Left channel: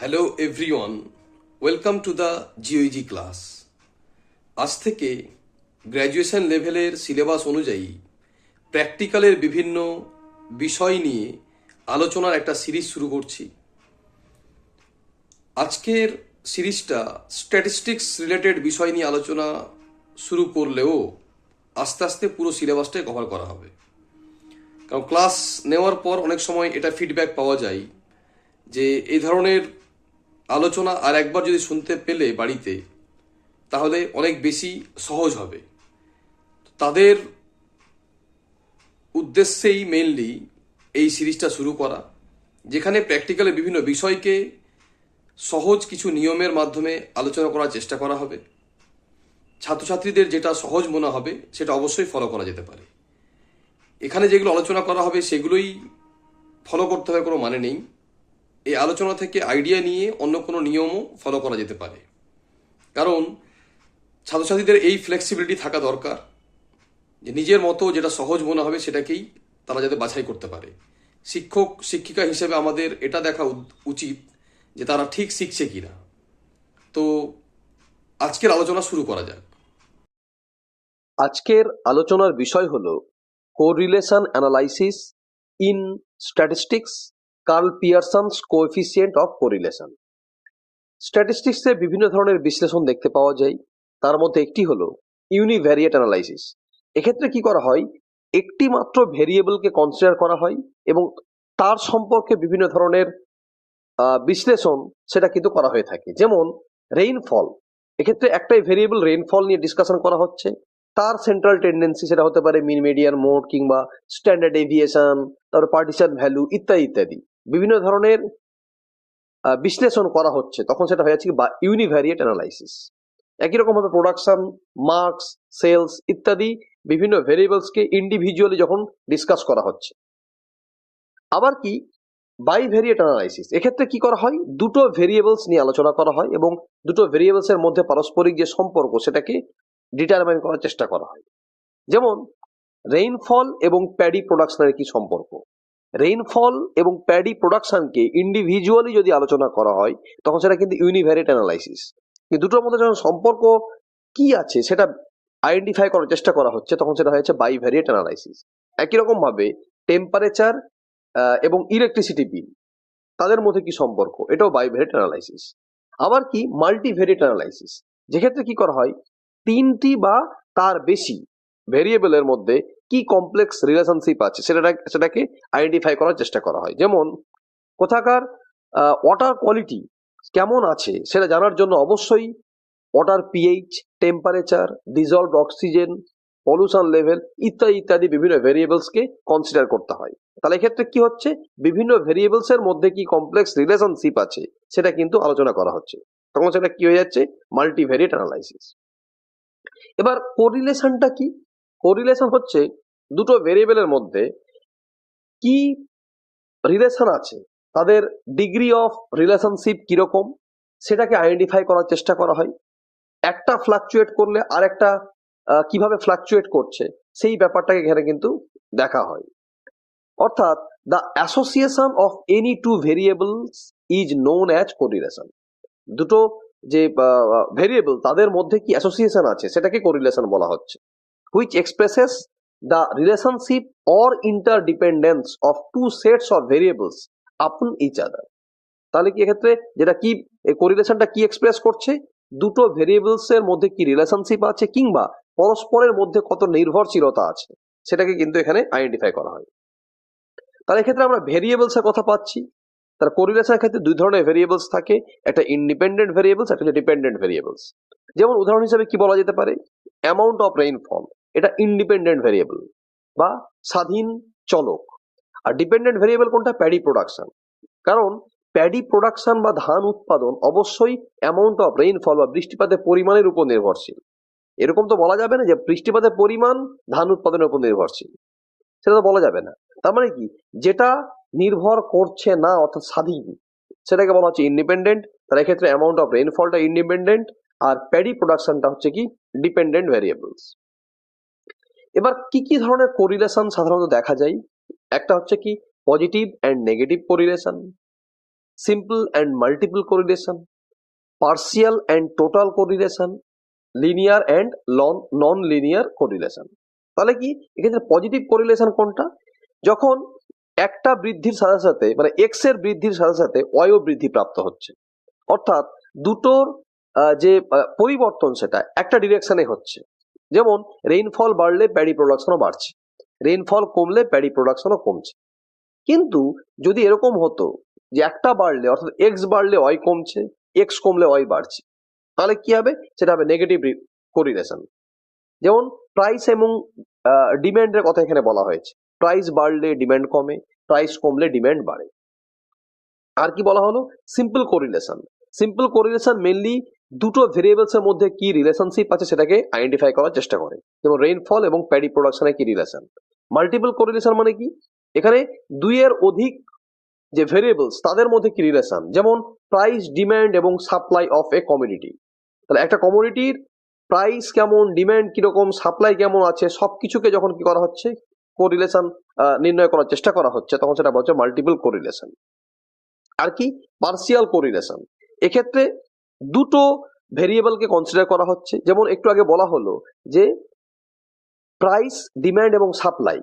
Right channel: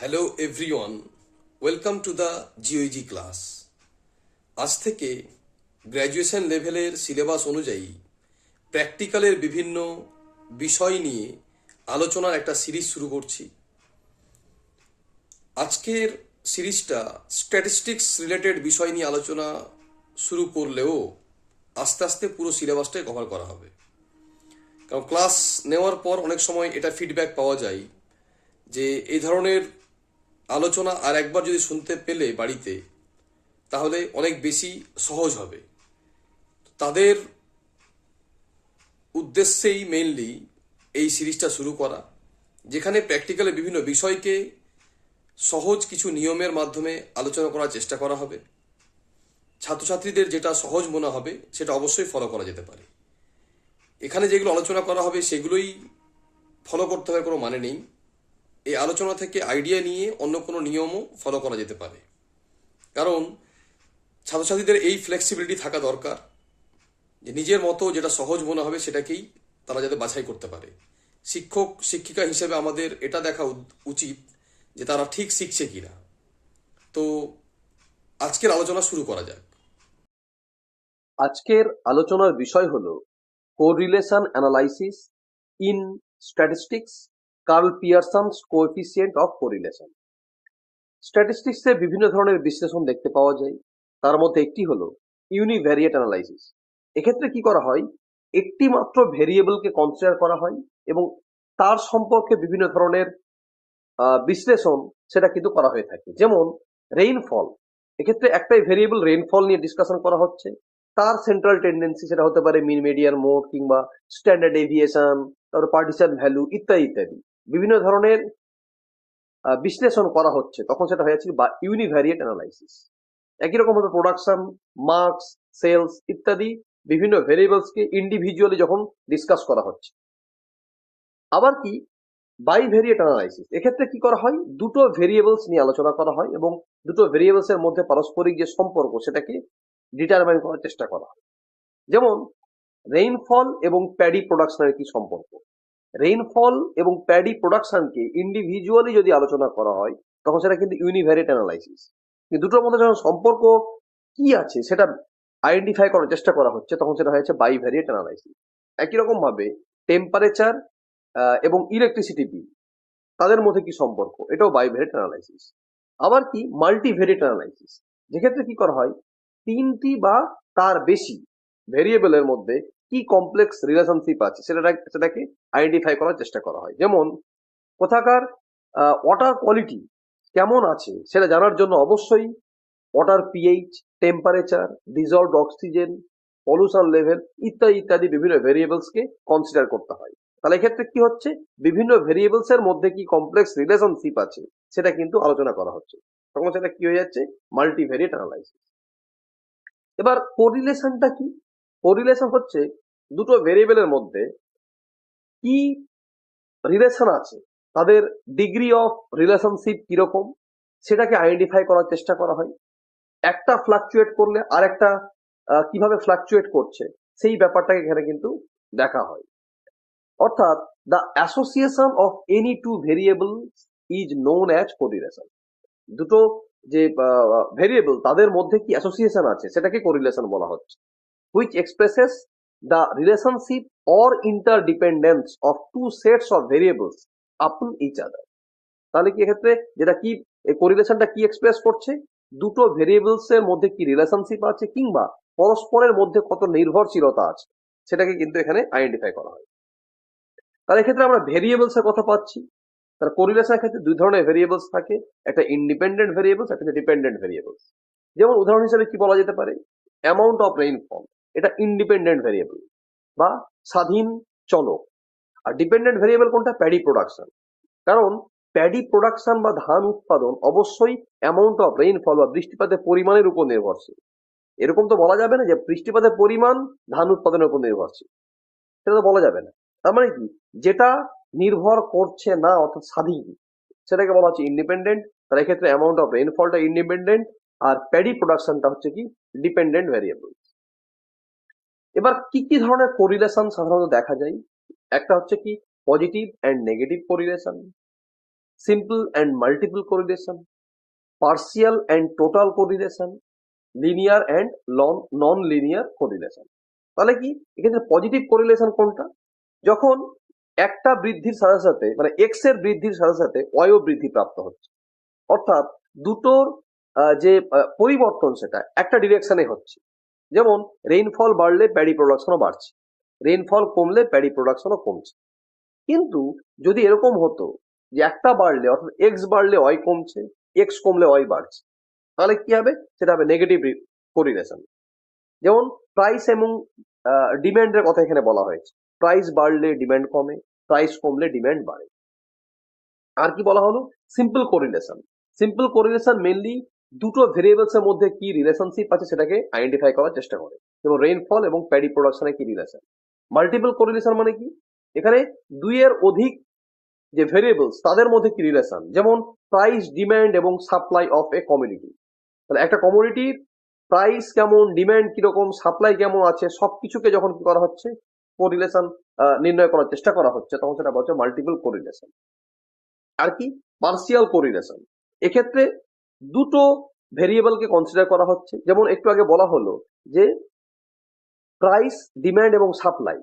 Hello everyone, welcome to the GOEG class. আজ থেকে graduation লেভেলের সিলেবাস অনুযায়ী প্র্যাকটিক্যালের বিভিন্ন বিষয় নিয়ে আলোচনার একটা সিরিজ শুরু করছি। আজকের সিরিজটা স্ট্যাটিস্টিক্স রিলেটেড বিষয় নিয়ে আলোচনা শুরু করলেও আস্তে আস্তে পুরো সিলেবাসটাই কভার করা হবে। কারণ ক্লাস নেওয়ার পর অনেক সময় এটা ফিডব্যাক পাওয়া যায় যে এই ধরনের আলোচনা আর একবার যদি শুনতে পেলে বাড়িতে তাহলে অনেক বেশি সহজ হবে। তাদের উদ্দেশ্যেই মেইনলি এই সিরিজটা শুরু করা, যেখানে প্র্যাকটিক্যালে বিভিন্ন বিষয়কে সহজ কিছু নিয়মের মাধ্যমে আলোচনা করার চেষ্টা করা হবে। ছাত্রছাত্রীদের যেটা সহজ মনে হবে সেটা অবশ্যই ফলো করা যেতে পারে। এখানে যেগুলো আলোচনা করা হবে সেগুলোই ফলো করতে হবে কোনো মানে নেই। এই আলোচনা থেকে আইডিয়া নিয়ে অন্য কোনো নিয়মও ফলো করা যেতে পারে। কারণ ছাত্রছাত্রীদের এই ফ্লেক্সিবিলিটি থাকা দরকার যে নিজের মতো যেটা সহজ মনে হবে সেটাকেই তারা যাতে বাছাই করতে পারে। শিক্ষক শিক্ষিকা হিসেবে আমাদের এটা দেখা উচিত যে তারা ঠিক শিখছে কিনা। তো আজকের আলোচনা শুরু করা যাক। আজকের আলোচনার বিষয় হলো correlation analysis in statistics, Karl Pearson's coefficient of correlation. স্ট্যাটিস্টিক্সে বিভিন্ন ধরনের বিশ্লেষণ দেখতে পাওয়া যায়। তার মধ্যে একটি হলো ইউনিভ্যারিয়েট অ্যানালাইসিস। এক্ষেত্রে কি করা হয়, একটি মাত্র ভেরিয়েবলকে কনসিডার করা হয় এবং তার সম্পর্কে বিভিন্ন ধরনের বিশ্লেষণ সেটা কিন্তু করা হয়ে থাকে। যেমন রেইনফল, এক্ষেত্রে একটাই ভেরিয়েবল রেইনফল নিয়ে ডিসকাশন করা হচ্ছে, তার সেন্ট্রাল টেন্ডেন্সি সেটা হতে পারে মিন, মিডিয়ান, মোড কিংবা স্ট্যান্ডার্ড ডেভিয়েশন, তারপর পার্টিশন ভ্যালু ইত্যাদি ইত্যাদি বিভিন্ন ধরনের বিশ্লেষণ করা হচ্ছে, তখন সেটা হয়ে যাচ্ছে বা ইউনিভ্যারিয়েট অ্যানালাইসিস। একই রকম ভাবে প্রোডাকশন, মার্কস, সেলস ইত্যাদি বিভিন্ন ভেরিয়েবলসকে ইন্ডিভিজুয়ালি যখন ডিসকাস করা হচ্ছে। আবার কি বাইভেরিয়েট অ্যানালাইসিস, এক্ষেত্রে কি করা হয়, দুটো ভেরিয়েবলস নিয়ে আলোচনা করা হয় এবং দুটো ভেরিয়েবলস এর মধ্যে পারস্পরিক যে সম্পর্ক সেটাকে ডিটারমাইন করার চেষ্টা করা হয়। যেমন রেইনফল এবং প্যাডি প্রোডাকশনের কি সম্পর্ক, রেইনফল এবং প্যাডি প্রোডাকশনকে ইন্ডিভিজুয়ালি যদি আলোচনা করা হয় তখন সেটা কিন্তু ইউনিভ্যারিয়েট অ্যানালাইসিস। কিন্তু দুটোর মধ্যে যখন সম্পর্ক কি আছে সেটা আইডেন্টিফাই করার চেষ্টা করা হচ্ছে তখন সেটা হয়েছে বাইভেরিয়েট অ্যানালাইসিস। একই রকম ভাবে টেম্পারেচার এবং ইলেকট্রিসিটি বিল, তাদের মধ্যে কি সম্পর্ক, এটাও বাইভেরিয়েট অ্যানালাইসিস। আবার কি মাল্টিভেরিয়েট অ্যানালাইসিস, যেক্ষেত্রে কি করা হয়, তিনটি বা তার বেশি ভেরিয়েবলের মধ্যে কি কমপ্লেক্স রিলেশনশিপ আছে সেটাকে আইডেন্টিফাই করার চেষ্টা করা হয়। যেমন কোথাকার ওয়াটার কোয়ালিটি কেমন আছে সেটা জানার জন্য অবশ্যই water pH, temperature, dissolved oxygen, pollution level ইত্যাদি ইত্যাদি বিভিন্ন ভেরিয়েবলসকে কনসিডার করতে হয়। তাহলে এক্ষেত্রে কি হচ্ছে, বিভিন্ন ভেরিয়েবলস এর মধ্যে কি কমপ্লেক্স রিলেশনশিপ আছে সেটা কিন্তু আলোচনা করা হচ্ছে, তখন সেটা কি হয়ে যাচ্ছে, মাল্টিভেরিয়েট অ্যানালাইসিস। এবার কোরিলেশনটা কি, কোরিলেশন হচ্ছে দুটো ভেরিয়েবলের মধ্যে কি রিলেশন আছে, তাদের ডিগ্রি অফ রিলেশনশিপ কিরকম সেটাকে আইডেন্টিফাই করার চেষ্টা করা হয়। একটা ফ্লাকচুয়েট করলে আরেকটা কিভাবে ফ্লাকচুয়েট করছে সেই ব্যাপারটাকে এখানে কিন্তু দেখা হয়। অর্থাৎ the association of any two variables is known as correlation. দুটো যে ভেরিয়েবল তাদের মধ্যে কি অ্যাসোসিয়েশন আছে সেটাকে কোরিলেশন বলা হচ্ছে, which expresses the relationship or interdependence of two sets of variables upon each other. তাহলে কি এক্ষেত্রে যেটা কি, এই কোরিলেশনটা কি এক্সপ্রেস করছে, দুটো ভেরিয়েবলস এর মধ্যে কি রিলেশনশিপ আছে কিংবা পরস্পরের মধ্যে কত নির্ভরশীলতা আছে সেটাকে কিন্তু এখানে আইডেন্টিফাই করা হয়। তাহলে এক্ষেত্রে আমরা ভেরিয়েবলস এর কথা পাচ্ছি। তার কোরিলেশনের ক্ষেত্রে দুই ধরনের ভেরিয়েবলস থাকে, একটা ইন্ডিপেন্ডেন্ট ভেরিয়েবলস, একটা ডিপেন্ডেন্ট ভেরিয়েবলস। যেমন উদাহরণ হিসেবে কি বলা যেতে পারে, অ্যামাউন্ট অফ রেইনফল, এটা ইন্ডিপেন্ডেন্ট ভেরিয়েবল বা স্বাধীন চলক। আর ডিপেন্ডেন্ট ভেরিয়েবল কোনটা, প্যাডি প্রোডাকশন। কারণ প্যাডি প্রোডাকশন বা ধান উৎপাদন অবশ্যই অ্যামাউন্ট অফ রেইনফল বা বৃষ্টিপাতের পরিমাণের উপর নির্ভরশীল। এরকম তো বলা যাবে না যে বৃষ্টিপাতের পরিমাণ ধান উৎপাদনের উপর নির্ভরশীল, সেটা তো বলা যাবে না। তার মানে কি, যেটা নির্ভর করছে না অর্থাৎ স্বাধীন সেটাকে বলা হচ্ছে ইন্ডিপেন্ডেন্ট। তার ক্ষেত্রে অ্যামাউন্ট অফ রেইনফলটা ইন্ডিপেন্ডেন্ট আর প্যাডি প্রোডাকশনটা হচ্ছে কি ডিপেন্ডেন্ট ভেরিয়েবলস। এবার কি কি ধরনের কোরিলেশন সাধারণত দেখা যায়, একটা হচ্ছে কি positive and negative correlation, simple and multiple correlation, partial and total correlation, linear and non linear correlation. তাহলে কি এক্ষেত্রে পজিটিভ কোরিলেশন কোনটা? যখন একটা বৃদ্ধির সাথে সাথে মানে এক্স এর বৃদ্ধির সাথে সাথে ওয়াইও বৃদ্ধি প্রাপ্ত হচ্ছে, অর্থাৎ দুটোর যে পরিবর্তন সেটা একটা ডিরেকশনে হচ্ছে। যেমন রেইনফল বাড়লে প্যাডি প্রোডাকশনও বাড়ছে, রেইনফল কমলে প্যাডি প্রোডাকশনও কমছে। কিন্তু যদি এরকম হতো যে একটা বাড়লে অর্থাৎ এক্স বাড়লে ওয়াই কমছে, এক্স কমলে ওয়াই বাড়ছে, তাহলে কি হবে? সেটা হবে নেগেটিভ কোরিলেশন। যেমন প্রাইস এবং ডিমান্ডের কথা এখানে বলা হয়েছে, প্রাইস বাড়লে ডিমান্ড কমে, প্রাইস কমলে ডিমান্ড বাড়ে। আর কি বলা হলো? Simple correlation. Simple correlation mainly দুটো ভেরিয়েবলস এর মধ্যে কি রিলেশনশিপ আছে সেটাকে আইডেন্টিফাই করার চেষ্টা করে, যেমন রেইনফল এবং প্যাডি প্রোডাকশনের কি রিলেশন। মাল্টিপল কোরিলেশন মানে কি? এখানে দুইয়ের অধিক যে ভেরিয়েবলস তাদের মধ্যে কি রিলেশন, যেমন প্রাইস, ডিমান্ড এবং সাপ্লাই অফ এ কমোডিটি। তাহলে একটা কমোডিটির প্রাইস কেমন, ডিমান্ড কিরকম, সাপ্লাই কেমন আছে, সবকিছুকে যখন কি করা হচ্ছে কোরিলেশন নির্ণয় করার চেষ্টা করা হচ্ছে, তখন সেটা বলছে মাল্টিপল কোরিলেশন। আর কি? Partial correlation. এক্ষেত্রে দুটো ভেরিয়েবলকে কনসিডার করা হচ্ছে, যেমন একটু আগে বলা হলো যে প্রাইস, ডিমান্ড এবং সাপ্লাই।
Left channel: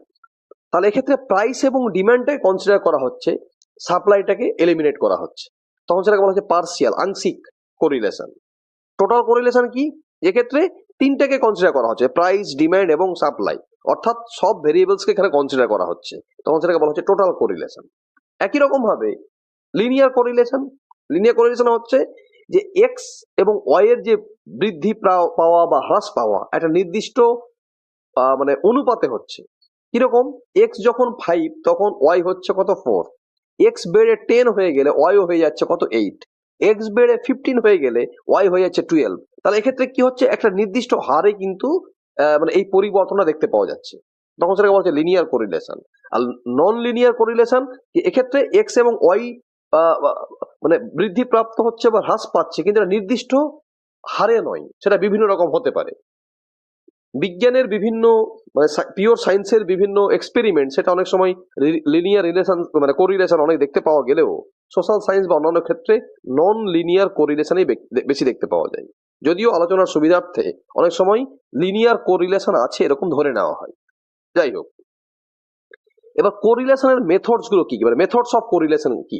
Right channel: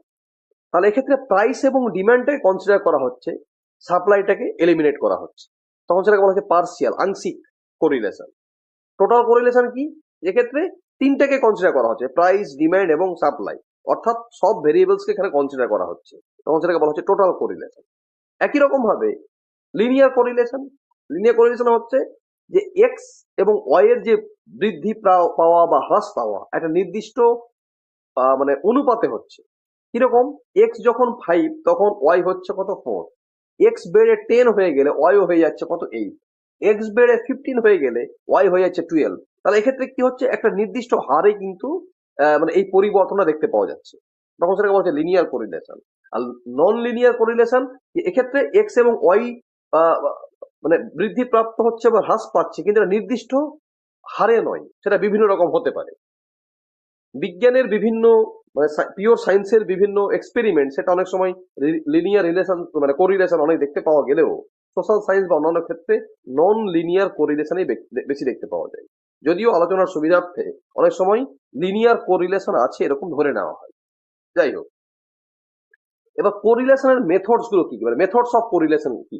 তাহলে এক্ষেত্রে প্রাইস এবং ডিমান্ডটাকে কনসিডার করা হচ্ছে, সাপ্লাইটাকে এলিমিনেট করা হচ্ছে, তখন সেটাকে বলা হচ্ছে পার্সিয়াল আংশিক কোরিলেশন। টোটাল কোরিলেশন কি? এক্ষেত্রে তিনটাকে কনসিডার করা হচ্ছে, প্রাইস, ডিমান্ড এবং সাপ্লাই, অর্থাৎ সব ভেরিয়েবলসকে এখানে কনসিডার করা হচ্ছে, তখন সেটাকে বলা হচ্ছে টোটাল কোরিলেশন। একই রকম ভাবে লিনিয়ার কোরিলেশন। লিনিয়ার কোরিলেশন হচ্ছে যে এক্স এবং ওয়াই এর যে বৃদ্ধি পাওয়া বা হ্রাস পাওয়া একটা নির্দিষ্ট মানে অনুপাতে হচ্ছে। কিরকম? এক্স যখন 5 তখন ওয়াই হচ্ছে কত? 4। এক্স বেড়ে 10 হয়ে গেলে ওয়াইও হয়ে যাচ্ছে কত? 8। এক্স বেড়ে 15 হয়ে গেলে ওয়াই হয়ে যাচ্ছে 12। তাহলে এক্ষেত্রে কি হচ্ছে? একটা নির্দিষ্ট হারে কিন্তু মানে এই পরিবর্তনটা দেখতে পাওয়া যাচ্ছে, তখন সেটাকে বলা হচ্ছে লিনিয়ার কোরিলেশন। আর নন লিনিয়ার কোরিলেশন, এক্ষেত্রে এক্স এবং ওয়াই মানে বৃদ্ধি প্রাপ্ত হচ্ছে বা হ্রাস পাচ্ছে, কিন্তু এটা নির্দিষ্ট হারে নয়, সেটা বিভিন্ন রকম হতে পারে। বিজ্ঞানের বিভিন্ন মানে পিওর সায়েন্সের বিভিন্ন এক্সপেরিমেন্ট, সেটা অনেক সময় লিনিয়ার রিলেশন মানে কোরিলেশন অনেক দেখতে পাওয়া গেলেও সোশ্যাল সায়েন্স বা অন্যান্য ক্ষেত্রে নন লিনিয়ার কোরিলেশনই বেশি দেখতে পাওয়া যায়। যদিও আলোচনার সুবিধার্থে অনেক সময় লিনিয়ার কোরিলেশন আছে এরকম ধরে নেওয়া হয়। যাই হোক, এবার কোরিলেশনের মেথডস গুলো কি কি, মানে মেথডস অফ কোরিলেশন কি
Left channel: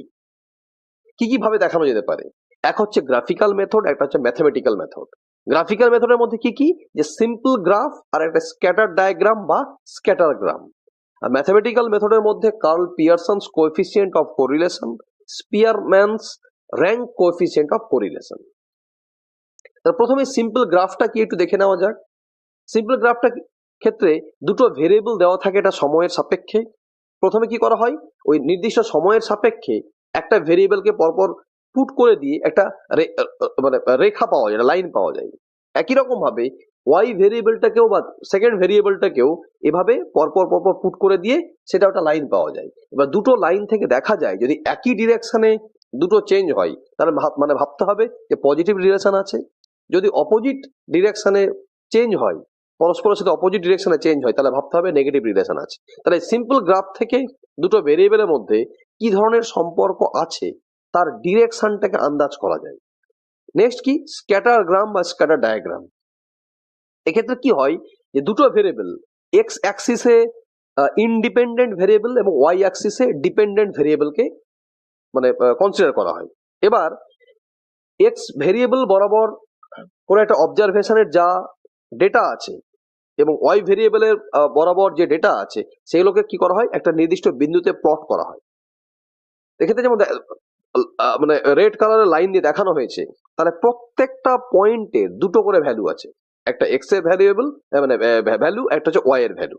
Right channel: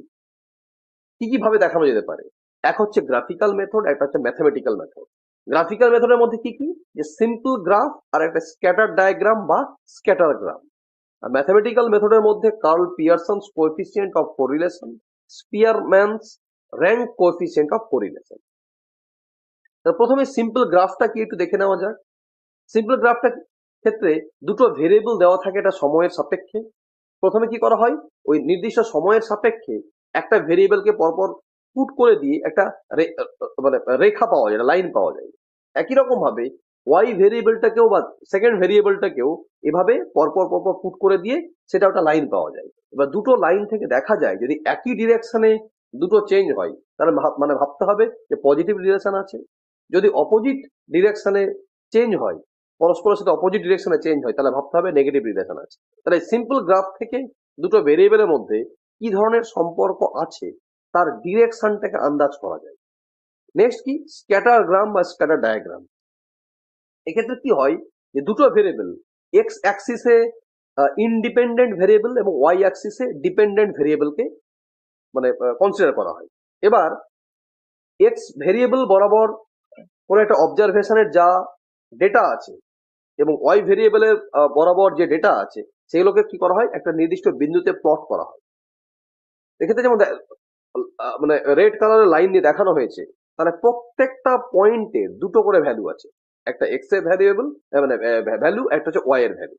কি ভাবে দেখানো যেতে পারে? এক হচ্ছে গ্রাফিক্যাল মেথড, একটা হচ্ছে ম্যাথমেটিক্যাল মেথড। গ্রাফিক্যাল মেথডের মধ্যে কি কি? যে সিম্পল গ্রাফ আর একটা স্ক্যাটার ডায়াগ্রাম বা স্ক্যাটার গ্রাম। আর ম্যাথমেটিক্যাল মেথডের মধ্যে Karl Pearson's coefficient of correlation, Spearman's rank coefficient of correlation. প্রথমে সিম্পল গ্রাফটা কি একটু দেখে নেওয়া যাক। সিম্পল গ্রাফটা ক্ষেত্রে দুটো ভেরিয়েবল দেওয়া থাকে এটা সময়ের সাপেক্ষে। প্রথমে কি করা হয়? ওই নির্দিষ্ট সময়ের সাপেক্ষে একটা ভেরিয়েবলকে পরপর পুট করে দিয়ে একটা মানে রেখা পাওয়া যায়, লাইন পাওয়া যায়। একই রকম ভাবে ওয়াই ভেরিয়েবলটাকেও বা সেকেন্ড ভেরিয়েবলটাকেও এভাবে পরপর পরপর পুট করে দিয়ে সেটা একটা লাইন পাওয়া যায়। এবার দুটো লাইন থেকে দেখা যায় যদি একই ডিরেকশনে দুটো চেঞ্জ হয়, তাহলে মানে ভাবতে হবে যে পজিটিভ ডিরেকশন আছে। যদি অপোজিট ডিরেকশনে চেঞ্জ হয়, পরস্পরের সাথে অপোজিট ডিরেকশনে চেঞ্জ হয়, তাহলে ভাবতে হবে নেগেটিভ রিলেশন আছে। তাহলে সিম্পল গ্রাফ থেকে দুটো ভেরিয়েবলের মধ্যে কি ধরনের সম্পর্ক আছে তার ডিরেকশনটাকে আন্দাজ করা যায়। নেক্সট কি? স্ক্যাটার গ্রাম বা স্ক্যাটার ডায়াগ্রাম। এক্ষেত্রে কি হয় যে দুটো ভেরিয়েবল এক্স অ্যাক্সিসে ইন্ডিপেন্ডেন্ট ভেরিয়েবল এবং ওয়াই অ্যাক্সিসে ডিপেন্ডেন্ট ভেরিয়েবলকে মানে কনসিডার করা হয়। এবার এক্স ভেরিয়েবল বরাবর কোনো একটা অবজারভেশনের যা ডেটা আছে এবং ওয়াই ভেরিয়েবলের বরাবর যে ডেটা আছে সেগুলোকে কি করা হয়? একটা নির্দিষ্ট বিন্দুতে প্লট করা হয়। এক্ষেত্রে যেমন মানে রেড কালারের লাইন দিয়ে দেখানো হয়েছে, তাহলে প্রত্যেকটা পয়েন্টে দুটো করে ভ্যালু আছে, একটা এক্স এর ভ্যারিয়েবল মানে ভ্যালু, একটা হচ্ছে ওয়াই এর ভ্যালু।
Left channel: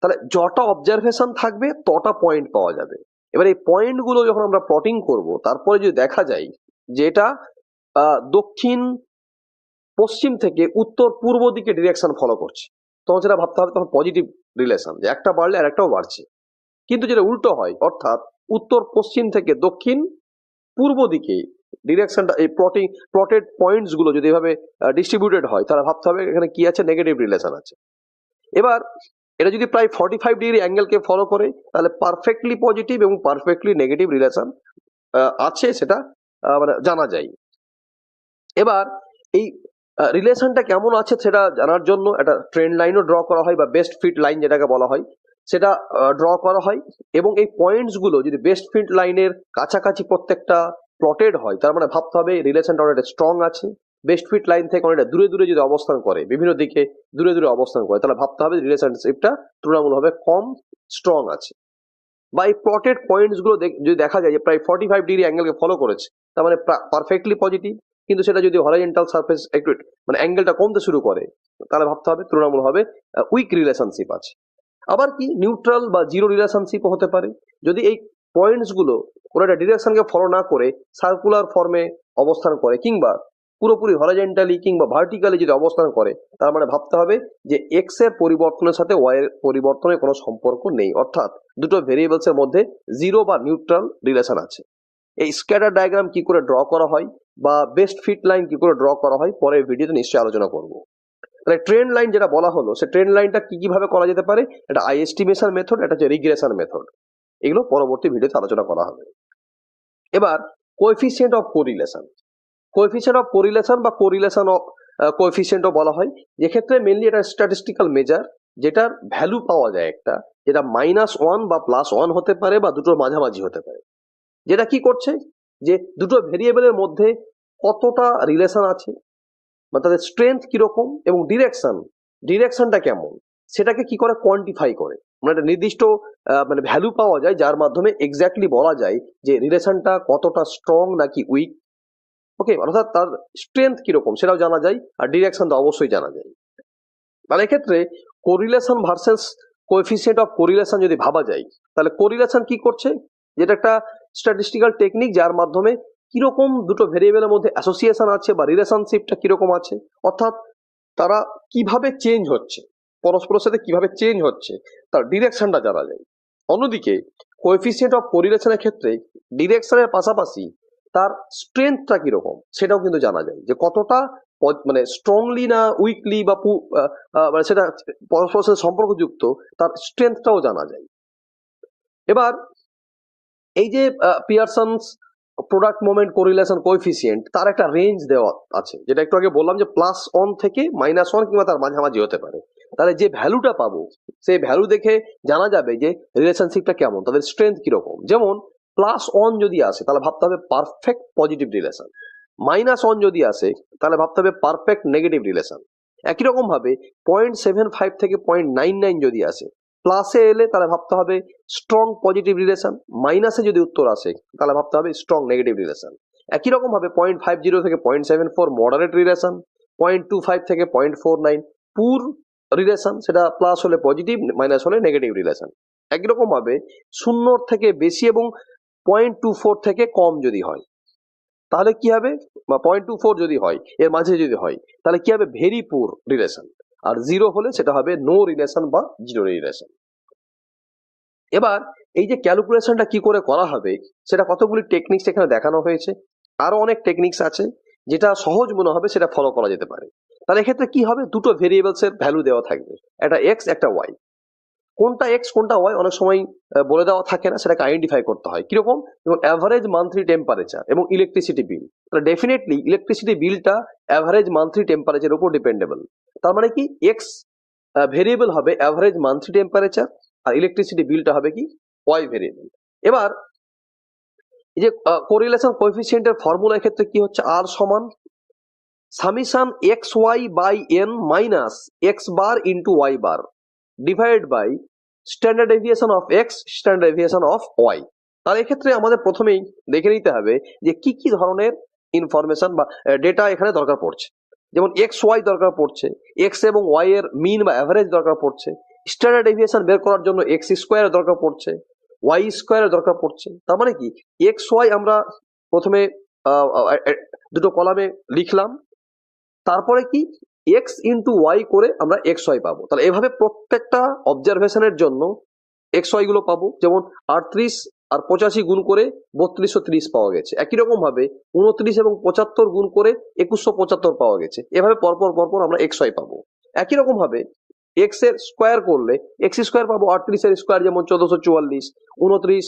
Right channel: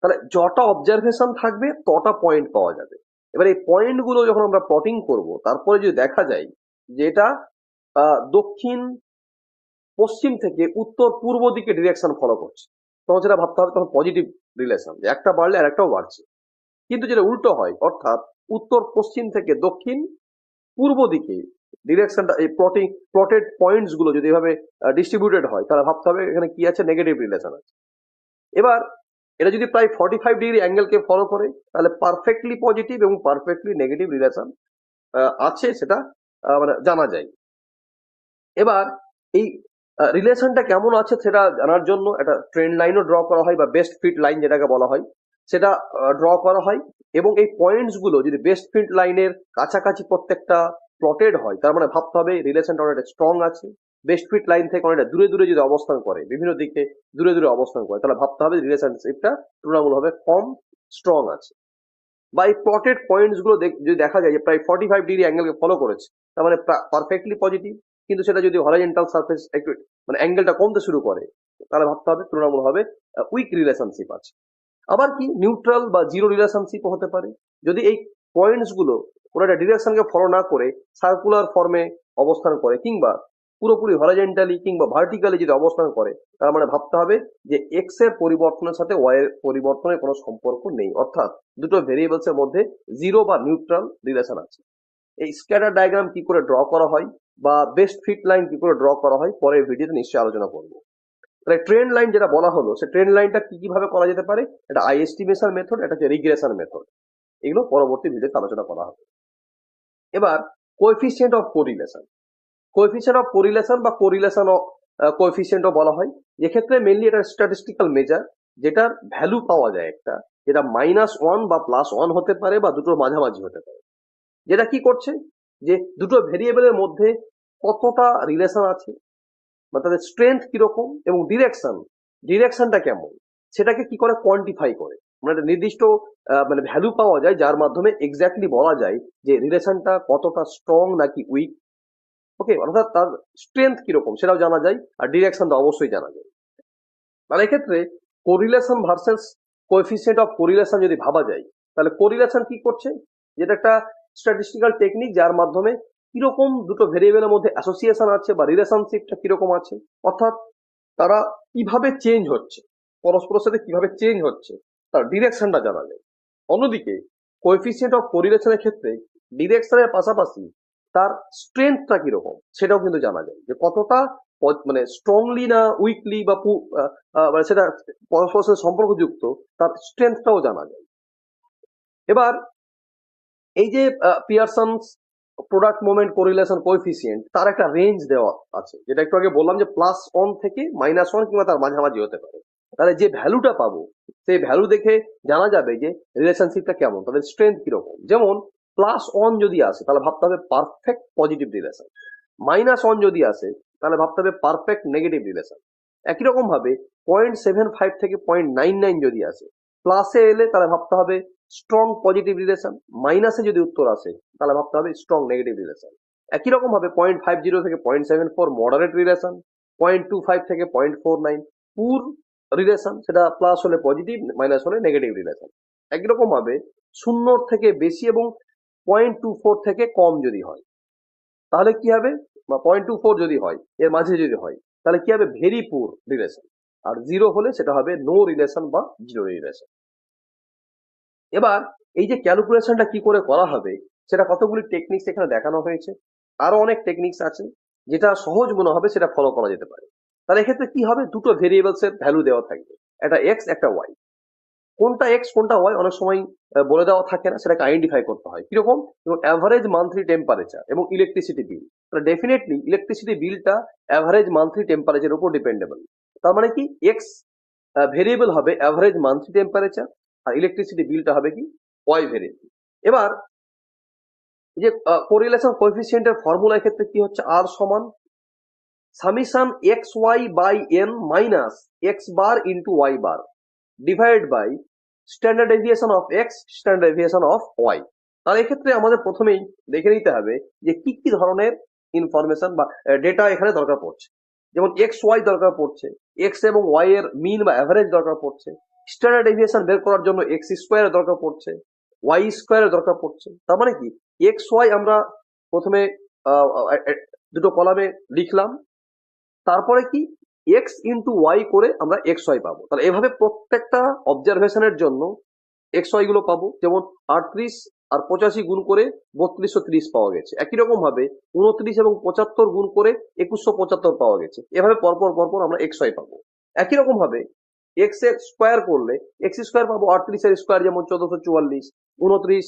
তাহলে যটা অবজারভেশন থাকবে তটা পয়েন্ট পাওয়া যাবে। এবার এই পয়েন্ট গুলো যখন আমরা প্লটিং করব, তারপরে যদি দেখা যায় যে এটা দক্ষিণ পশ্চিম থেকে উত্তর পূর্ব দিকে ডিরেকশন ফলো করছে, তখন সেটা ভাবতে হবে তখন পজিটিভ রিলেশন, যে একটা বাড়লে আর একটাও বাড়ছে। কিন্তু যেটা উল্টো হয়, অর্থাৎ উত্তর পশ্চিম থেকে দক্ষিণ পূর্ব দিকে ডিরেকশনটা, এই প্লটেড পয়েন্টস গুলো যদি এভাবে ডিস্ট্রিবিউটেড হয়, তাহলে ভাবতে হবে এখানে কি আছে? নেগেটিভ রিলেশন আছে। এবার এটা যদি প্রায় 45 ডিগ্রি অ্যাঙ্গেলকে ফলো করে, তাহলে পারফেক্টলি পজিটিভ এবং পারফেক্টলি নেগেটিভ রিলেশন আছে সেটা মানে জানা যায়। এবার এই রিলেশনটা কেমন আছে সেটা জানার জন্য একটা ট্রেন্ড লাইনও ড্র করা হয় বা বেস্ট ফিট লাইন যেটাকে বলা হয় সেটা ড্র করা হয়। এবং এই পয়েন্টস গুলো যদি বেস্ট ফিট লাইনের কাছাকাছি প্রত্যেকটা প্লটেড হয় তার মানে ভাবতে হবে রিলেশনটা অনেকটা স্ট্রং আছে। বেস্ট ফিট লাইন থেকে অনেকটা দূরে দূরে যদি অবস্থান করে, বিভিন্ন দিকে দূরে দূরে অবস্থান করে, তাহলে ভাবতে হবে রিলেশনশিপটা তুলনামূলকভাবে কম স্ট্রং আছে। বা এই প্লটেড পয়েন্টস গুলো যদি দেখা যায় যে প্রায় 45 ডিগ্রি অ্যাঙ্গেলকে ফলো করেছে, তার মানে পারফেক্টলি পজিটিভ। কিন্তু সেটা যদি হরাইজন্টাল সারফেস একটু মানে অ্যাঙ্গেলটা কমতে শুরু করে, তাহলে ভাবতে হবে তুলনামূলকভাবে উইক রিলেশনশিপ আছে। আবার কি নিউট্রাল বা জিরো রিলেশনশিপ হতে পারে যদি এই পয়েন্টস গুলো কোনো একটা ডিরেকশনকে ফলো না করে সার্কুলার ফর্মে অবস্থান করে, কিংবা পুরোপুরি হরাইজন্টালি কিংবা ভার্টিক্যালি যদি অবস্থান করে, তার মানে ভাবতে হবে যে এক্স এর পরিবর্তনের সাথে ওয়াই এর পরিবর্তনের কোনো সম্পর্ক নেই, অর্থাৎ দুটো ভেরিয়েবলস এর মধ্যে জিরো বা নিউট্রাল রিলেশন আছে। এই স্ক্যাটার ডায়াগ্রাম কি করে ড্র করা হয় বা বেস্ট ফিট লাইন কি করে ড্র করা হয় পরের ভিডিওতে নিশ্চয়ই আলোচনা করব। তাহলে ট্রেন্ড লাইন যেটা বলা হলো, সে ট্রেন্ড লাইনটা কি কিভাবে করা যেতে পারে, এটা আই এস্টিমেশন মেথড, এটা হচ্ছে রিগ্রেশন মেথড। এগুলো পরবর্তী ভিডিওতে আলোচনা করা হবে। এবার coefficient of correlation, coefficient of correlation বা কোরিলেশন অফ কোএফিসিয়েন্টও বলা হয়, যেক্ষেত্রে মেনলি এটা স্ট্যাটিস্টিক্যাল মেজার, যেটার ভ্যালু পাওয়া যায় একটা, যেটা -1 বা +1 হতে পারে বা দুটোর মাঝামাঝি হতে পারে। যেটা কি করছে যে দুটো ভেরিয়েবলের মধ্যে কতটা রিলেশন আছে বা তাদের স্ট্রেংথ কিরকম এবং ডিরেকশনটা কেমন, সেটাকে কি করে কোয়ান্টিফাই করে, মানে একটা নির্দিষ্ট মানে ভ্যালু পাওয়া যায় যার মাধ্যমে এক্স্যাক্টলি বলা যায় যে রিলেশনটা কতটা স্ট্রং নাকি উইক। ওকে, অর্থাৎ তার স্ট্রেংথ কিরকম সেটাও জানা যায়, আর ডিরেকশন তো অবশ্যই জানা যায়। তাহলে এক্ষেত্রে correlation versus coefficient of correlation যদি ভাবা যায়, তাহলে কোরিলেশন কি করছে, যেটা একটা স্ট্যাটিস্টিক্যাল টেকনিক যার মাধ্যমে কিরকম দুটো ভেরিয়েবলের মধ্যে অ্যাসোসিয়েশন আছে বা রিলেশনশিপটা কিরকম আছে, অর্থাৎ তারা কিভাবে চেঞ্জ হচ্ছে, পরস্পরের সাথে কিভাবে চেঞ্জ হচ্ছে, তার ডিরেকশনটা জানা যায়। অন্যদিকে কোএফিসিয়েন্ট অফ কোরিলেশনের ক্ষেত্রে ডিরেকশনের পাশাপাশি তার স্ট্রেংথটা কিরকম সেটাও কিন্তু জানা যায়, যে কতটা মানে স্ট্রংলি না উইকলি বা মানে সেটা পরস্পরের সাথে সম্পর্কযুক্ত, তার স্ট্রেংথটাও জানা যায়। এবার এই যে পিয়ারসনস প্রোডাক্ট মোমেন্ট কোরিলেশন কোএফিসিয়েন্ট, তার একটা রেঞ্জ দেওয়া আছে, যেটা একটু আগে বললাম যে +1 থেকে -1 কিংবা তার মাঝামাঝি হতে পারে। তাহলে যে ভ্যালুটা পাবো সেই ভ্যালু দেখে জানা যাবে যে রিলেশনশিপটা কেমন, তাদের স্ট্রেংথ কিরকম। যেমন +1 যদি আসে তাহলে ভাবতে হবে পারফেক্ট পজিটিভ রিলেশন, -1 যদি আসে তাহলে ভাবতে হবে পারফেক্ট নেগেটিভ রিলেশন। একই রকম ভাবে 0.75 থেকে 0.99 যদি আসে, প্লাসে এলে তাহলে ভাবতে হবে স্ট্রং পজিটিভ রিলেশন, মাইনাসে যদি উত্তর আসে তাহলে ভাবতে হবে স্ট্রং নেগেটিভ রিলেশন। একই রকম ভাবে 0.50 থেকে 0.74 মডারেট রিলেশন, 0.25 থেকে 0.49 পুর রিলেশন, সেটা প্লাস হলে পজিটিভ, মাইনাস হলে নেগেটিভ রিলেশন। একই রকম ভাবে 0 থেকে বেশি এবং 0.24 থেকে কম যদি হয় তাহলে কি হবে, বা 0.24 যদি হয় এর মাঝে যদি হয় তাহলে কি হবে, ভেরি পুর রিলেশন। আর 0 হলে সেটা হবে নো রিলেশন বা জিরো রিলেশন। এবার এই যে ক্যালকুলেশনটা কি করে করা হবে, সেটা কতগুলি টেকনিক্স এখানে দেখানো হয়েছে। আরো অনেক টেকনিক্স আছে, যেটা সহজ মনে হবে সেটা ফলো করা যেতে পারে। তাহলে এক্ষেত্রে কি হবে, দুটো ভেরিয়েবলস এর ভ্যালু দেওয়া থাকবে, একটা এক্স একটা ওয়াই। কোনটা এক্স কোনটা ওয়াই অনেক সময় বলে দেওয়া থাকে না, সেটাকে আইডেন্টিফাই করতে হয় কিরকম, যেমন অ্যাভারেজ মান্থলি টেম্পারেচার এবং ইলেকট্রিসিটি বিল। তাহলে ডেফিনেটলি ইলেকট্রিসিটি বিলটা অ্যাভারেজ মান্থলি টেম্পারেচারের উপর ডিপেন্ডেবল। তার মানে কি এক্স ভেরিয়েবল হবে অ্যাভারেজ মান্থলি টেম্পারেচার, আর ইলেকট্রিসিটি বিলটা হবে কি ওয়াই ভেরিয়েবল। এবার এই যে কোরিলেশন কোএফিসিয়েন্টের ফর্মুলার ক্ষেত্রে কি হচ্ছে, আর সমান summation x y by N minus x bar into y bar divide by standard deviation of x standard deviation of y. তাহলে এক্ষেত্রে আমাদের প্রথমেই দেখে নিতে হবে যে কি কি ধরনের ইনফরমেশন বা ডেটা এখানে দরকার পড়ছে। যেমন এক্স ওয়াই দরকার পড়ছে, এক্স এবং ওয়াই এর মিন বা অ্যাভারেজ দরকার পড়ছে, স্ট্যান্ডার্ড ডেভিয়েশন বের করার জন্য এক্স স্কোয়ার দরকার পড়ছে, ওয়াই স্কোয়ার দরকার পড়ছে। তার মানে কি এক্স ওয়াই আমরা প্রথমে দুটো কলামে লিখলাম, তারপরে কি এক্স ইন্টু ওয়াই করে আমরা এক্স ওয়াই পাবো। তাহলে এভাবে প্রত্যেকটা অবজারভেশনের জন্য এক্স ওয়াই গুলো পাবো। যেমন 38 আর 85 গুণ করে 3230 পাওয়া গেছে। একই রকম ভাবে 29 এবং 75 গুণ করে 2175 পাওয়া গেছে। এভাবে পরপর পরপর আমরা এক্স ওয়াই পাবো। একই রকম ভাবে এক্স এর স্কোয়ার করলে এক্স স্কোয়ার পাবো, 38 এর স্কোয়ার যেমন 1444, 29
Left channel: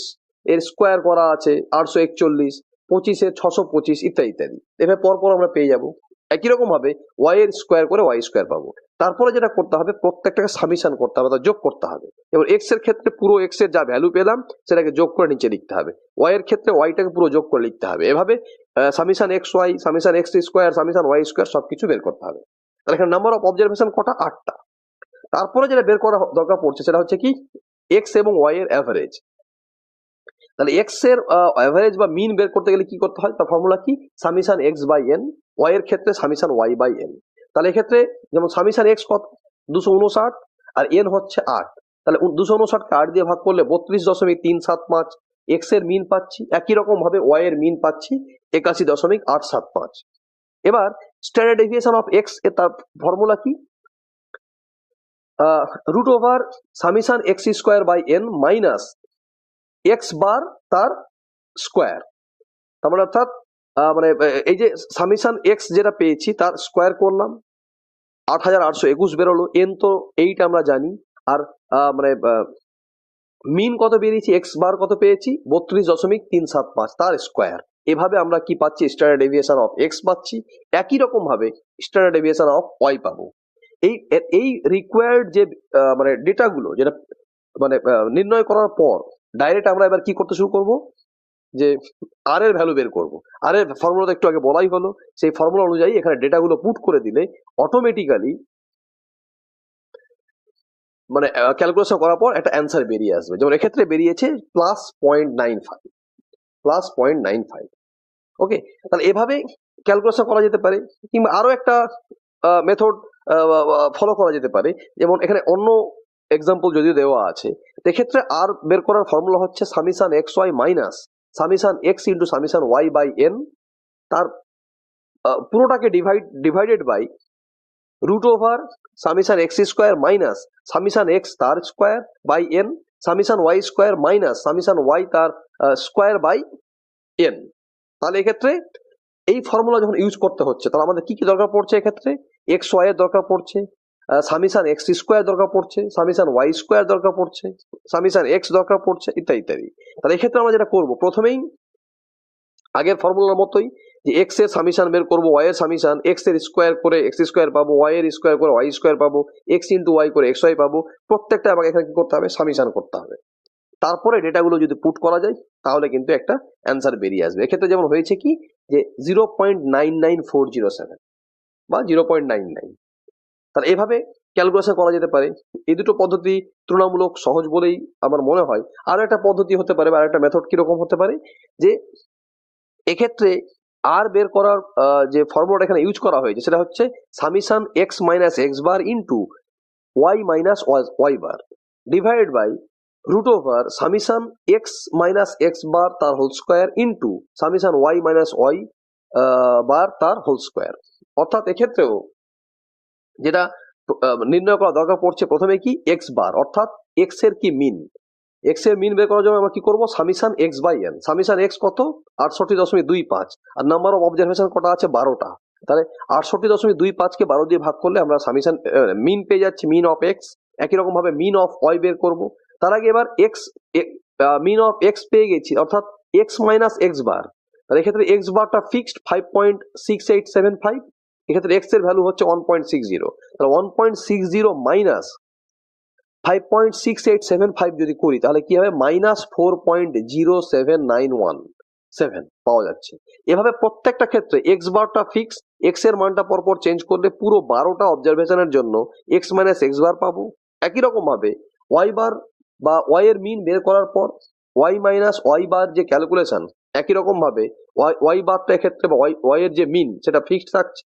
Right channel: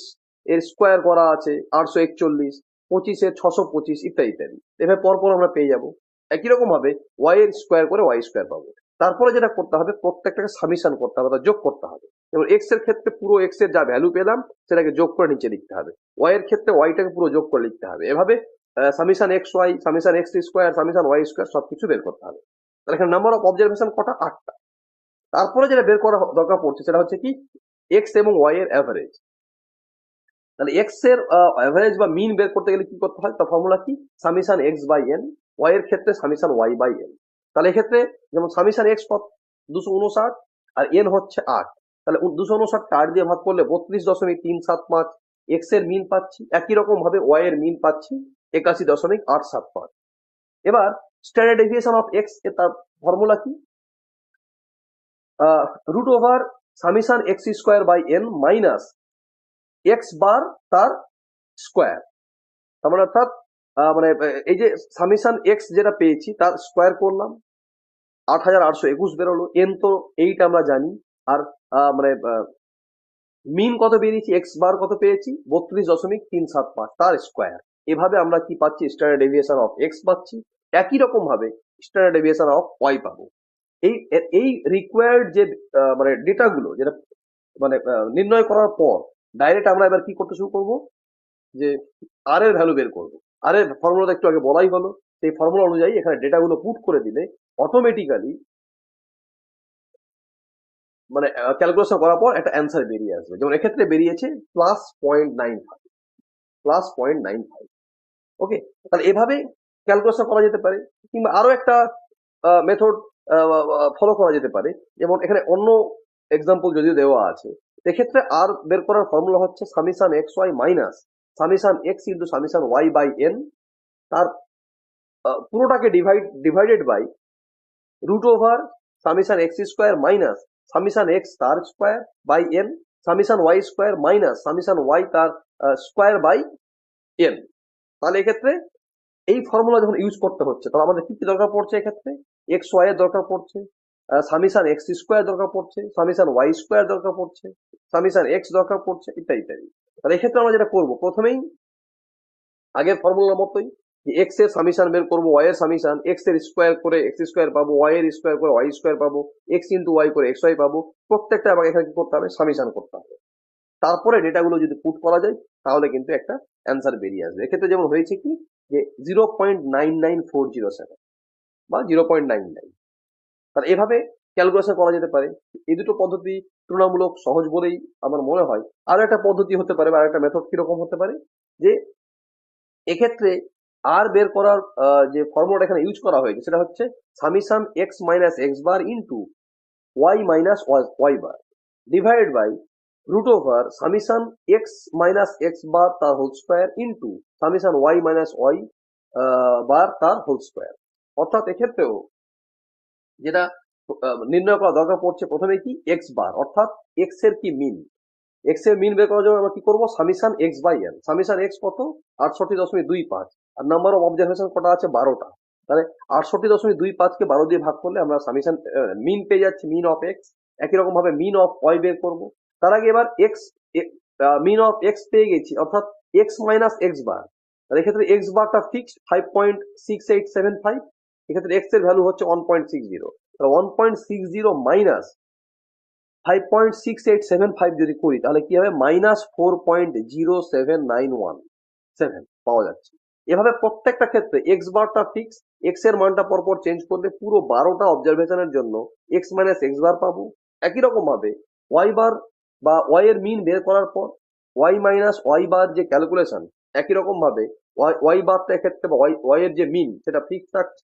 এর স্কোয়ার করা আছে 841, 25-এর 625 ইত্যাদি ইত্যাদি। এভাবে পরপর আমরা পেয়ে যাব। একই রকম ভাবে ওয়াই এর স্কোয়ার করে ওয়াই স্কোয়ার পাবো। তারপরে যেটা করতে হবে, প্রত্যেকটাকে সামিশন করতে হবে, যোগ করতে হবে। যেমন এক্স এর ক্ষেত্রে পুরো এক্স এর যা ভ্যালু পেলাম সেটাকে যোগ করে নিচে লিখতে হবে, ওয়াই এর ক্ষেত্রে ওয়াইটাকে পুরো যোগ করে লিখতে হবে। এভাবে summation x y, summation x square, summation Y square সবকিছু বের করতে হবে। তাহলে এখানে নাম্বার অফ অবজারভেশন কটা? 8টা। তারপরে যেটা বের করা দরকার পড়ছে সেটা হচ্ছে কি এক্স এবং ওয়াই এর অ্যাভারেজ। তাহলে এক্স এর অ্যাভারেজ বা মিন বের করতে গেলে কি করতে হয়? তার ফর্মুলা কি? Summation x by n, y এর ক্ষেত্রে সামিশন ওয়াই বাই এন। তাহলে এক্ষেত্রে যেমন সামিশন এক্স কত? 259 আর এন হচ্ছে 8। তাহলে 259কে 8 দিয়ে ভাগ করলে 32.375 এক্স এর মিন পাচ্ছি। একই রকম ভাবে ওয়াই এর মিন পাচ্ছি 81.875। এবার স্ট্যান্ডার্ড ডেভিয়েশন অফ এক্স এর তার ফর্মুলা কি? Root over summation x square by N minus x bar তার স্কোয়ার। তার মানে অর্থাৎ মানে এই যে সামিশন এক্স যেটা পেয়েছি তার স্কোয়ার করলাম, 8821 বেরোলো। এন তো 8 আমরা জানি। আর মানে মিন কত বেরিয়েছি, এক্স বার কত পেয়েছি? 32.375 তার স্কোয়ার। এভাবে আমরা কি পাচ্ছি? স্ট্যান্ডার্ড ডেভিয়েশন অফ এক্স পাচ্ছি। একই রকম ভাবে স্ট্যান্ডার্ড ডেভিয়েশন অফ ওয়াই পাবো। এই এই রিকোয়ার্ড যে মানে ডেটাগুলো যেটা মানে নির্ণয় করার পর ডাইরেক্ট আমরা এবার কি করতে শুরু করব, যে আর এর ভ্যালু বের করব। আর এর ফর্মুলা একটু আগে বলাই হলো, সেই ফর্মুলা অনুযায়ী এখানে ডেটাগুলো পুট করে দিলে অটোমেটিক্যালি মানে ক্যালকুলেশন করার পর একটা অ্যান্সার বেরিয়ে আসবে। যেমন এক্ষেত্রে বেরিয়েছে +0.95, +0.95। ওকে, তাহলে এভাবে ক্যালকুলেশন করা যেতে পারে। কিংবা আরো একটা মেথড ফলো করা যেতে পারে। যেমন এখানে অন্য এক্সাম্পল যদিও দেওয়া আছে, এক্ষেত্রে আর বের করার ফর্মুলা হচ্ছে summation x Y minus summation X into summation Y by N, তার পুরোটাকে divided by root over summation x square minus summation X তার square by N, summation Y square minus summation Y তার square by N. তাহলে এক্ষেত্রে এই formula যখন use করতে হচ্ছে তাহলে আমাদের কি কি দরকার পড়ছে? এক্ষেত্রে এক্স ওয়াই এর দরকার পড়ছে, সামিশন এক্স স্কোয়ার দরকার পড়ছে, সামিশন ওয়াই স্কোয়ার দরকার পড়ছে, সামিশন এক্স দরকার পড়ছে, ইত্যাদি ইত্যাদি। তাহলে এক্ষেত্রে আমরা যেটা করবো, প্রথমেই আগের ফর্মুলার মতোই যে এক্স এর সামিশন বের করবো, ওয়াই এর সামিশন এক্স এর স্কোয়ার করে এক্স স্কোয়ার পাবো, ওয়াই এর স্কোয়ার করে ওয়াই স্কোয়ার পাবো, এক্স ইন্টু ওয়াই করে এক্স ওয়াই পাবো। প্রত্যেকটা আমাকে এখানে কি করতে হবে? সামিশন করতে হবে। তারপরে ডেটাগুলো যদি পুট করা যায় তাহলে কিন্তু একটা অ্যান্সার বেরিয়ে আসবে। এক্ষেত্রে যেমন হয়েছে কি যে 0.99407 বা 0.99। তাহলে এভাবে ক্যালকুলেশন করা যেতে পারে। এই দুটো পদ্ধতি তুলনামূলক সহজ বলেই আমার মনে হয়। আরো একটা পদ্ধতি হতে পারে বা আরো একটা মেথড কিরকম হতে পারে, যে এক্ষেত্রে আর বের করার যে ফর্মুলাটা এখানে ইউজ করা হয়েছে সেটা হচ্ছে summation X minus x bar into Y minus Y bar divide by root over summation X minus x bar তার whole square into summation Y minus Y bar তার হোল স্কোয়ার। অর্থাৎ এক্ষেত্রেও যেটা নির্ণয় করা দরকার পড়ছে প্রথমে কি এক্স বার, অর্থাৎ এক্স এর কি মিন। এক্স এর মিন বের করার জন্য আমরা কি করবো? Summation x by N. Summation x কত? 68.25। আর নাম্বার অফ অবজারভেশন কটা আছে? 12টা। তাহলে 68.25কে 12 দিয়ে ভাগ করলে আমরা সামিশন মিন পেয়ে যাচ্ছি, মিন অফ এক্স। একই রকম ভাবে মিন অফ ওয়াই বের করবো। তার আগে এবার এক্স মিন অফ এক্স পেয়ে গেছি, অর্থাৎ এক্স মাইনাস এক্স বার। তাহলে এক্ষেত্রে এক্স বারটা ফিক্সড 5.6875। এক্ষেত্রে এক্স এর ভ্যালু হচ্ছে 1.60। তাহলে 1.60 মাইনাস 5.6875 যদি করি তাহলে কি হবে? -4.07917 পাওয়া যাচ্ছে। এভাবে প্রত্যেকটা ক্ষেত্রে এক্স বারটা ফিক্স, এক্স এর মানটা পরপর চেঞ্জ করলে পুরো 12টা অবজারভেশনের জন্য এক্স মাইনাস এক্স বার পাবো। একই রকম ভাবে ওয়াই বার বা ওয়াই এর মিন বের করার পর ওয়াই মাইনাস ওয়াই বার যে ক্যালকুলেশন, একই রকম ভাবে ওয়াই বারটা এক্ষেত্রে বা ওয়াই এর যে মিন সেটা ফিক্সড থাকছে,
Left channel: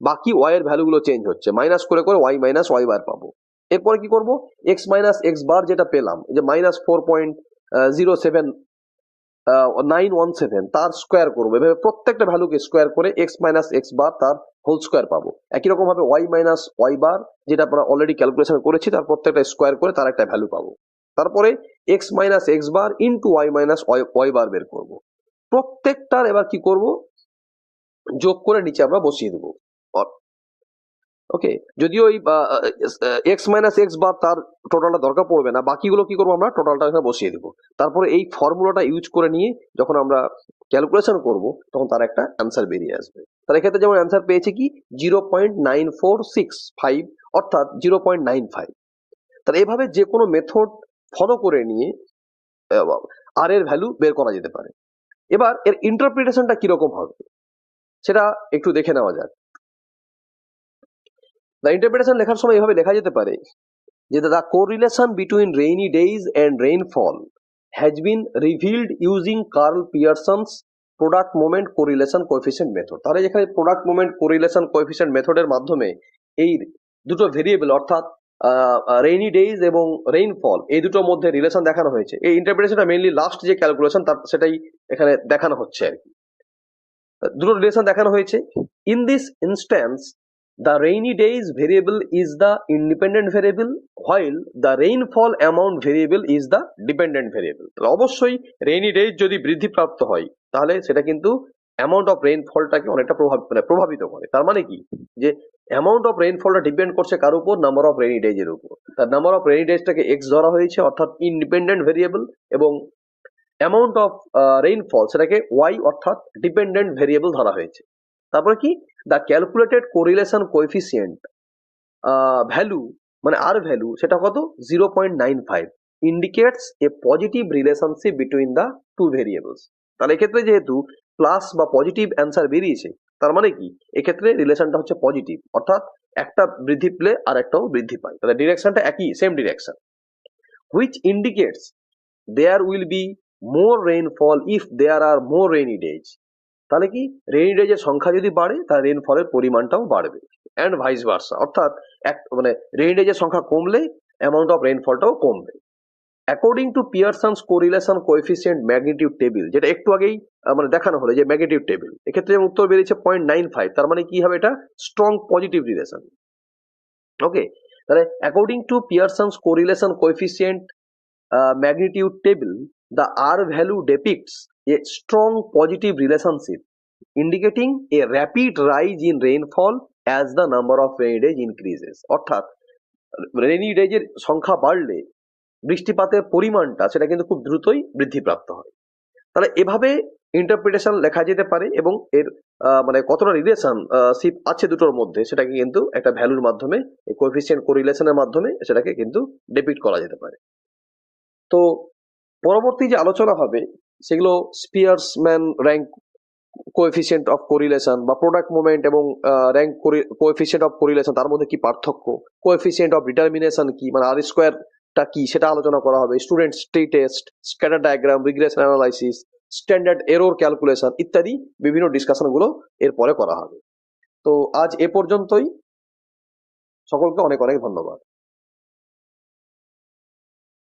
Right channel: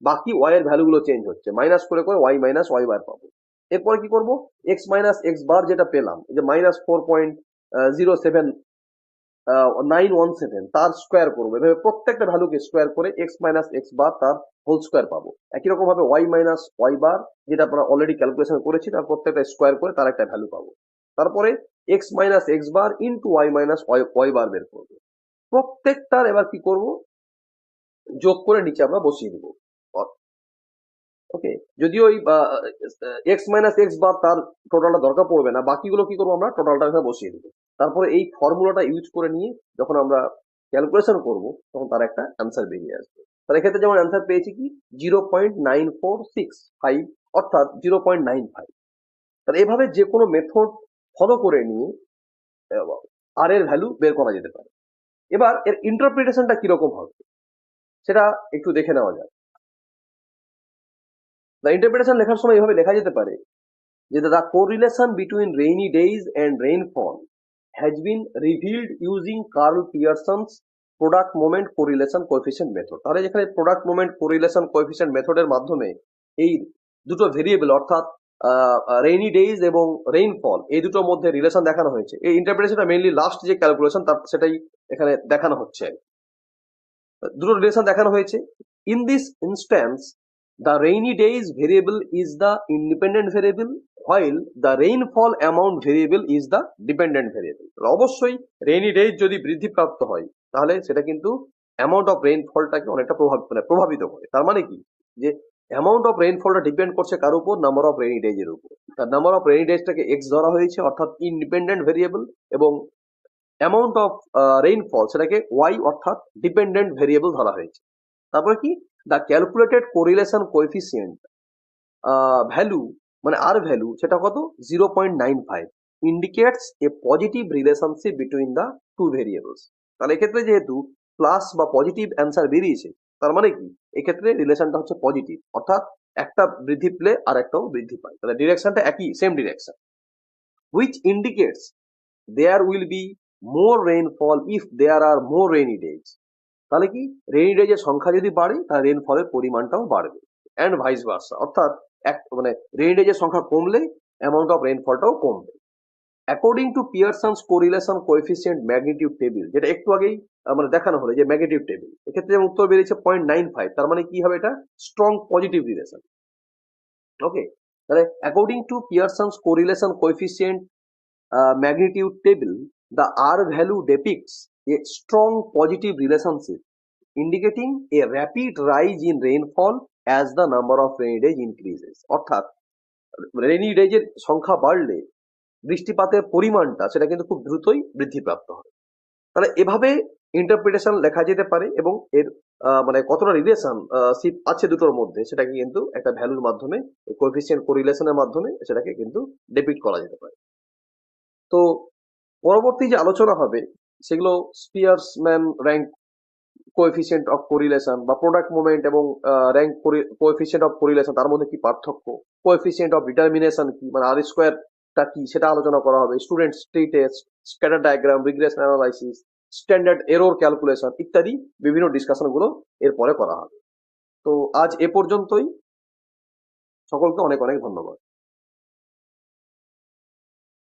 বাকি ওয়াই এর ভ্যালুগুলো চেঞ্জ হচ্ছে, মাইনাস করে করে ওয়াই মাইনাস ওয়াই বার পাবো। এরপরে কি করব? এক্স মাইনাস এক্স বার যেটা পেলাম যে -4.07917 তার স্কোয়ার করবো। এভাবে প্রত্যেকটা ভ্যালুকে স্কোয়ার করে এক্স মাইনাস এক্স বার তার হোল স্কোয়ার পাবো। একই রকম ভাবে ওয়াই মাইনাস ওয়াই বার যেটা আমরা অলরেডি ক্যালকুলেশন করেছি তার প্রত্যেকটা স্কোয়ার করে তার একটা ভ্যালু পাবো। তারপরে X minus x bar into Y minus Y bar বের করবো। প্রত্যেকটার এবার কি করব? যোগ করে নিচে আমরা বসিয়ে দেবো। ওকে, যদিও ওই এক্স মাইনাস এক্স বার তার টোটালটা দরকার পড়বে না, বাকিগুলো কি করবো আমরা টোটালটা এখানে বসিয়ে দেবো। তারপরে এই ফর্মুলাটা ইউজ করে নিয়ে যখন আমরা ক্যালকুলেশন করব তখন তার একটা অ্যান্সার বেরিয়ে আসবে। তার এক্ষেত্রে যেমন অ্যান্সার পেয়েছি কি 0.9465, অর্থাৎ 0.95। তাহলে এভাবে যে কোনো মেথড ফলো করে নিয়ে আর এর ভ্যালু বের করা যেতে পারে। এবার এর ইন্টারপ্রিটেশনটা কিরকম হবে সেটা একটু দেখে নেওয়া যাক। দ্য ইন্টারপ্রিটেশন লেখার সময় এভাবে লেখা যেতে পারে যে the correlation between rainy days and rainfall has been revealed using Karl Pearson's product moment correlation coefficient method. তাহলে যেখানে প্রোডাক্ট মোমেন্ট কোরিলেশন কোএফিসিয়েন্ট মেথডের মাধ্যমে এই দুটো ভেরিয়েবল অর্থাৎ রেইনি ডেইজ এবং রেইনফল এই দুটোর মধ্যে রিলেশন দেখানো হয়েছে। এই ইন্টারপ্রিটেশনটা মেইনলি লাস্ট যে ক্যালকুলেশন তার সেটাই এখানে দেখানো হচ্ছে আর কি। দুটো রিলেশন দেখানো হয়েছে। In this instance the rainy days variable is the independent variable while the rainfall amount variable is the dependent variable। তো অবশ্যই রেইনি ডেজ যদি বৃদ্ধিপ্রাপ্ত হয় তাহলে সেটা কিন্তু অ্যামাউন্ট অফ রেইনফলটাকে অনেকটা প্রভাবিত করে। তার মানে কি যে অ্যামাউন্ট অফ রেইনফলটা ডিপেন্ড করছে কার উপর, নাম্বার অফ রেইনি ডেজ এর উপর। তার নাম্বার অফ রেইনি ডেজটাকে এক্স ধরা হয়েছে অর্থাৎ ইন্ডিপেন্ডেন্ট ভেরিয়েবল, এবং অ্যামাউন্ট অফ রেইনফল সেটাকে ওয়াই অর্থাৎ ডিপেন্ডেন্ট ভেরিয়েবল ধরা হয়েছে। তারপরে কি the calculated correlation coefficient value মানে আর ভ্যালু সেটা কত 0.95 indicates a positive relationship between the two variables. তাহলে এক্ষেত্রে যেহেতু প্লাস বা পজিটিভ অ্যান্সার বেরিয়েছে তার মানে কি এক্ষেত্রে রিলেশনটা হচ্ছে পজিটিভ, অর্থাৎ একটা বৃদ্ধি পেলে আর একটাও বৃদ্ধি পায়, তাহলে ডিরেকশনটা একই, same direction. Which indicates there will be more rainfall if there are more rainy days. তাহলে কি রেইনি ডেজের সংখ্যা যদি বাড়ে তাহলে রেইনফলের পরিমাণটাও বাড়বে, অ্যান্ড ভাইস ভার্সা, অর্থাৎ এক মানে রেইনি ডেজের সংখ্যা কমলে অ্যামাউন্ট অফ রেইনফলটাও কমবে। According to Pearson's correlation coefficient magnitude table, যেটা একটু আগেই মানে দেখানো হলো যে ম্যাগনিটিউড টেবিল, এক্ষেত্রে যেমন উত্তর বেরিয়েছে 0.95, তার মানে কি হবে এটা স্ট্রং পজিটিভ রিলেশন। ওকে, তাহলে according to Pearson's correlation coefficient magnitude table, the R value depicts a strong positive relationship indicating a rapid rise in rainfall as the number of rainy days increases। অর্থাৎ rainy ডেজের সংখ্যা বাড়লে বৃষ্টিপাতের পরিমাণটা সেটা কিন্তু খুব দ্রুতই বৃদ্ধিপ্রাপ্ত হয়। তাহলে এভাবে ইন্টারপ্রিটেশন লেখা যেতে পারে এবং এর মানে কতটা রিলেশন শিপ আছে দুটোর মধ্যে সেটাকে কিন্তু একটা ভ্যালুর মাধ্যমে কোএফিসিয়েন্ট কোরিলেশনের মাধ্যমে সেটাকে কিন্তু ডিপিক্ট করা যেতে পারে। তো পরবর্তী যে আলোচনা হবে সেগুলো স্পিয়ারসম্যান র্যাঙ্ক কোএফিসিয়েন্ট অফ কোরিলেশন বা প্রোডাক্ট মোমেন্ট এবং র্যাঙ্ক কোএফিসিয়েন্ট অফ কোরিলেশন তার মধ্যে কি পার্থক্য, কোএফিসিয়েন্ট অফ ডিটারমিনেশন কি মানে আর স্কোয়ারটা কি সেটা আলোচনা করা হবে, student tree test, scatter diagram, regression analysis, standard error calculation ইত্যাদি বিভিন্ন ডিসকাশনগুলো এরপরে করা হবে। তো আজ এ পর্যন্তই, সকলকে অনেক অনেক ধন্যবাদ।